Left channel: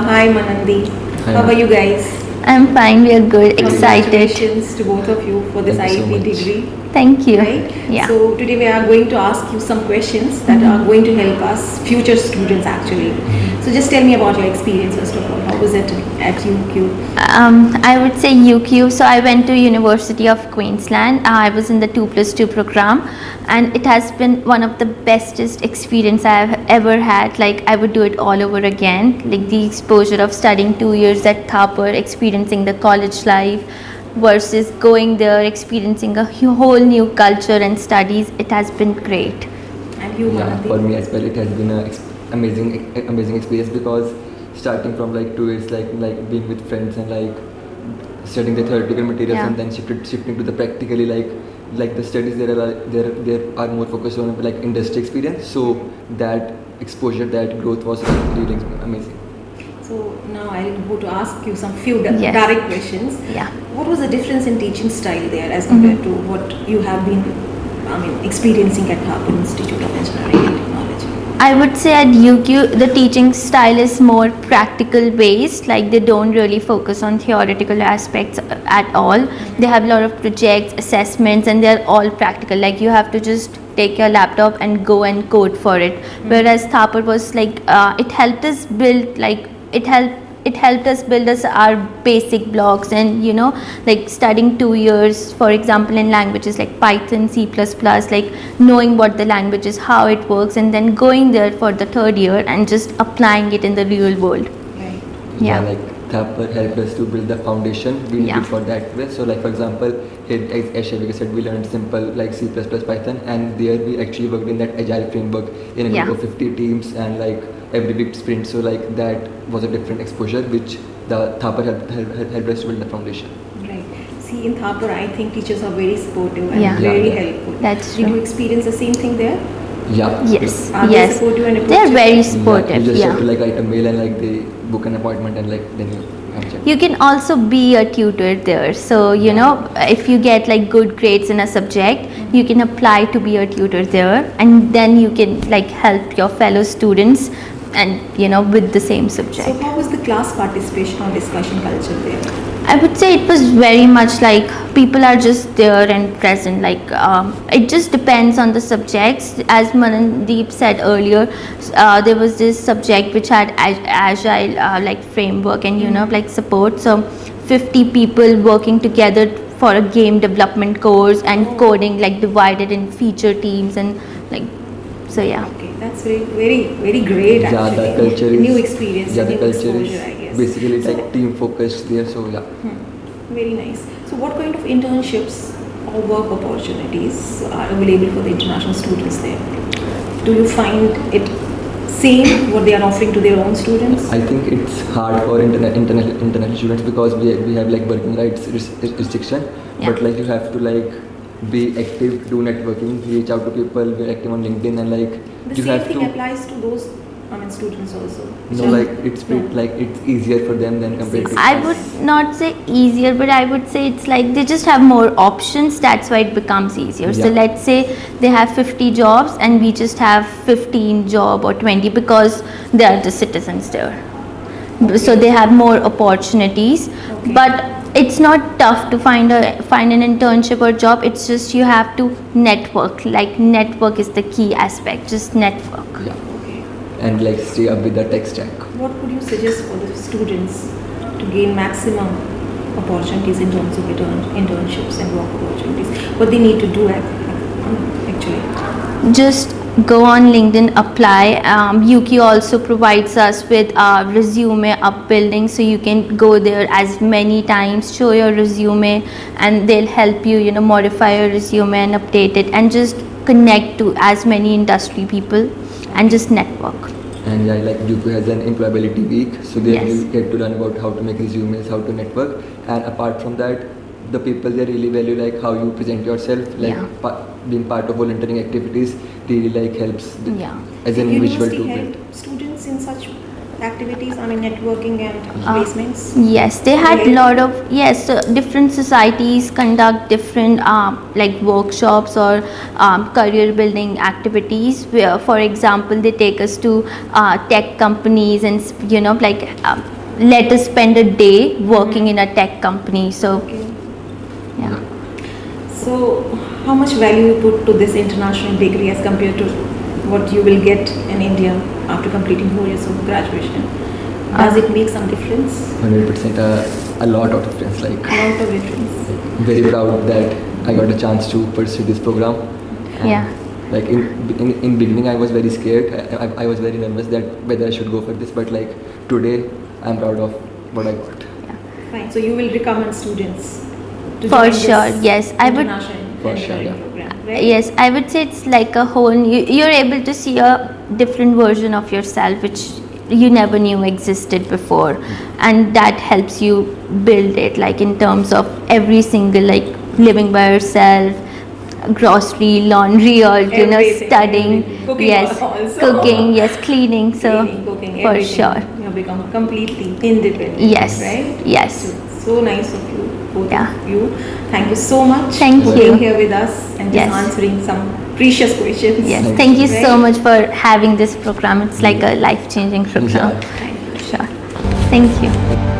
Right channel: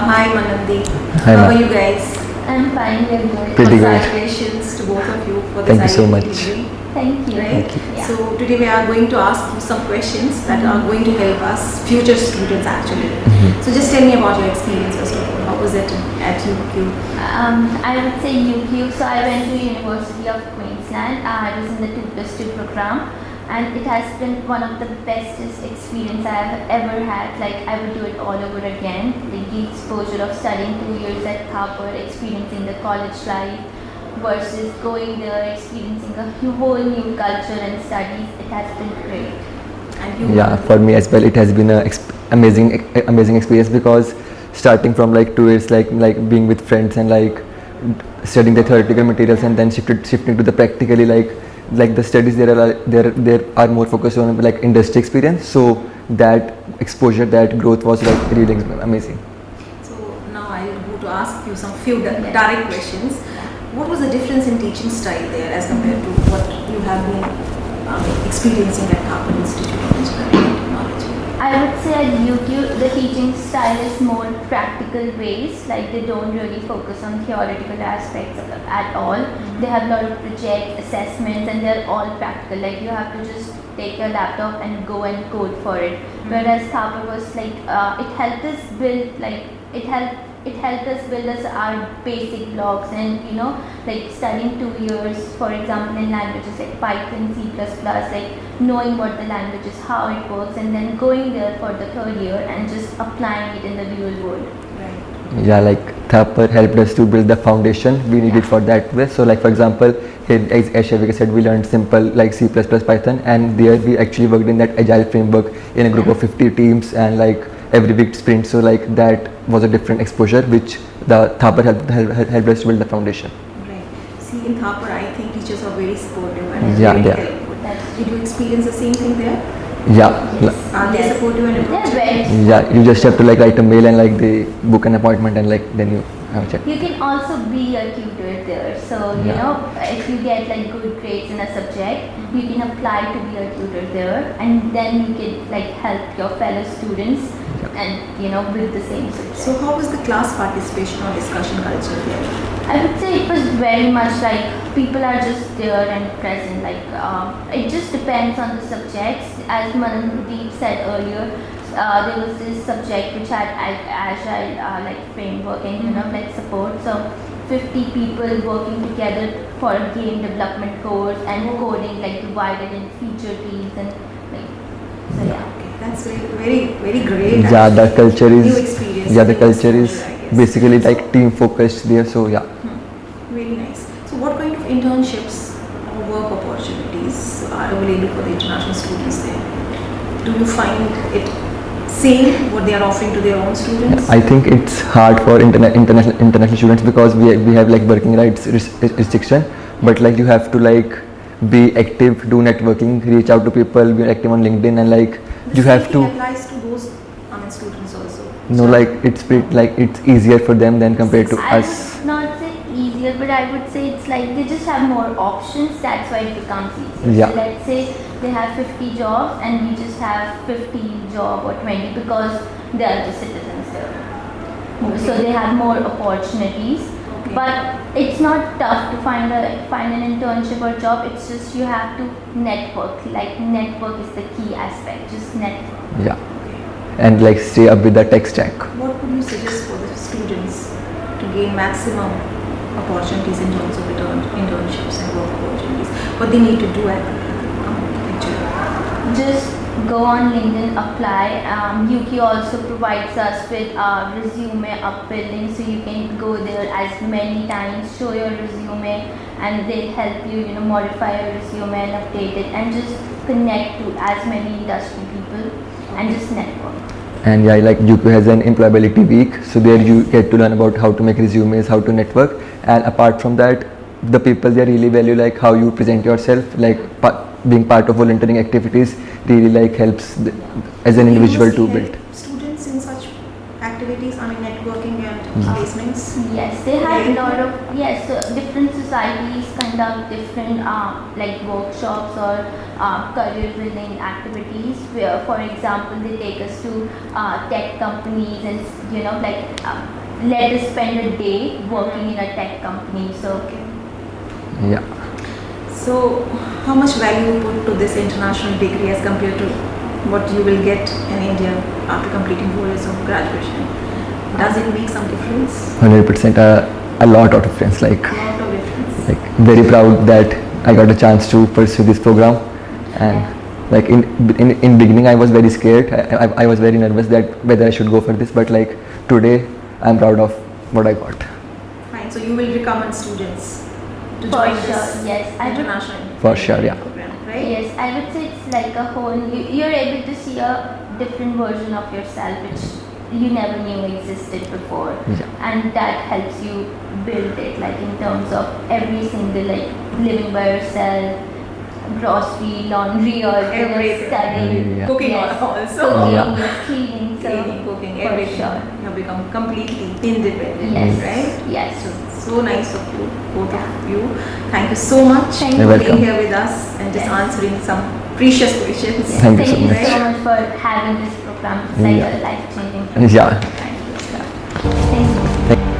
Hi Manandi. Hi, How are ma'am. you guys? I'm fine, we are good, Pretty good. excited. Congratulations to both of you for this Thank you so IIT much. degree. Thank you. Right? Yeah. So today we are going to ask you some questions that are going to help us future students actually. So just tell me about your experience first of all. How was it at UQ? I would say UQ. So I went to University of Queensland. I was in the 2+2 program, and it has been one of the bestest experience I have ever had. Like I would do it all over again. Like the exposure of studying 2 years at Thapar, experiencing the college life, versus going there, experiencing a whole new culture and studies. It has been great. And you Yeah, Manandi? for me as well, it has been a amazing experience because starting from like 2 years, like being with friends and like studying the theoretical materials Yeah. and then shifting to the practically like the studies there are more focused on like industry experience. So that exposure, that growth was like really amazing. So now I'll go to ask you some few Yes. direct questions. Yeah. What was the difference in teaching style there as compared to what you have been experiencing at Thapar Institute of Engineering and Technology? I would say at UQ the teaching style is more practical based, like they don't really focus on theoretical aspects at all. They have a lot of projects, assessments, and they're all practical. Like you have to just take your laptop and go and code for it. Whereas Thapar was like it helped us build it helped us build us our basic blocks, and like studying 2 years for example in languages like Python, C++, like knowing what the language is, how it works, and then going there for the third year and just applying it in the real world. Right. Yeah, Yeah. like Thapar helped us to build the foundation we needed Yeah. for that way. So like for example, here as Shavika said, we learned simple like C++, Python, and there we actually worked in that agile framework in a group Yeah. of 50 teams and like every week sprint. So like that was a different exposure which the Thapar helped us to build the foundation. Right. See, in Thapar, I think teachers are very supportive and Yeah. Yeah, very yeah. helpful. That's Did true. you experience the same thing there? Yeah. Yes. Are they Yes. supportive and They're approachable? very Yeah, supportive. you just yeah. have to like write a mail and like they book an appointment and like then you have a chat. You can also be a tutor there. So, if you get like good grades in a subject, you can apply to be a tutor there, and then you can like help your fellow students and with the same subject. So, how was the class participation or discussion culture there? I would say it was very much like people are just there and present. Like it just depends on the subjects. As Manandeep said earlier, there was this subject which had agile like framework and like support. So 50 people working together for a game development course and coding, like divided in feature teams and like so yeah. Okay, that's very great. Yeah, the actually. culture New is experience. yeah, the new culture is exposure, I guess. basically like team focused there. So yeah. Very nice. So, what kind of internships or work opportunities are available for the international students there? Do you find it same what they are offering to their own students? I think it's hard for international students because we have like working rights restriction, but like you have to like be active, do networking, reach out to people, be active on LinkedIn, and like The you same have thing to applies to those students also. know like it's pretty, like it's easier for them than compared to I us. would not say easier, but I would say it's like they just have more options. That's why it becomes easier. So Yeah. let's say they have 50 jobs and we just have 15 job or 20 because they are the citizens there. So they have more opportunities. Okay. But it's not tough to find an internship or job. It's just you have to network. Like network is the key aspect. Just network. Yeah, Okay. and like stay up with the tech stack. What would you suggest for the students to gain maximum opportunities in terms of internships and work opportunities? What they need to do actually? Just go on LinkedIn, apply. UQ also provides us with resume upbuilding, so you can go there as many times, show your resume, and they'll help you, modify your resume and update it, and just connect to as many industry people and just network. And yeah, like UP has an employability week, so there Yes. you get to learn about how to make resumes, how to network, and apart from that, the people they really value like how you present yourself, like being part of volunteering activities really like helps Yeah. as an individual to University build. help students in such activities, networking networking and placements? Yes, they had Okay. lot of different societies conduct different like workshops or career building activities. Where, for example, they take us to tech companies and let us spend a day working in a tech company. So Okay. Yeah. So, how much value you put to this international degree as compared to what you will get in India after completing 4 years of graduation? Does it make some difference? 100%. A lot of difference. Like A lot of difference. very proud that I got a chance to pursue this program. And Yeah. Like in beginning, I was very scared. I was very nervous that whether I should go for this. But like today, I'm proud of what I got. Fine. So you will recommend students to For join sure, this yes. I would- international For sure, yeah. program, right? yes, I would say it's like a whole. You're able to see a different version of yourself, which you never knew existed before, and that helps you build it. Like in terms of every single like living by yourself, grocery, laundry, or Everything. studying. Yeah. Cooking Yes, also. cooking. Yes, cleaning. So Cleaning, cooking, for everything. sure. You have become completely independent. Yes. Right? Yes. So nice of you, both Yeah. of you. Thank you so much Thank for being you. here with us and just Yes. answering some precious questions. Yes. Thank you Thank you so so much. much for having this program. It's like a life-changing program. Yeah. Sure. Thank you.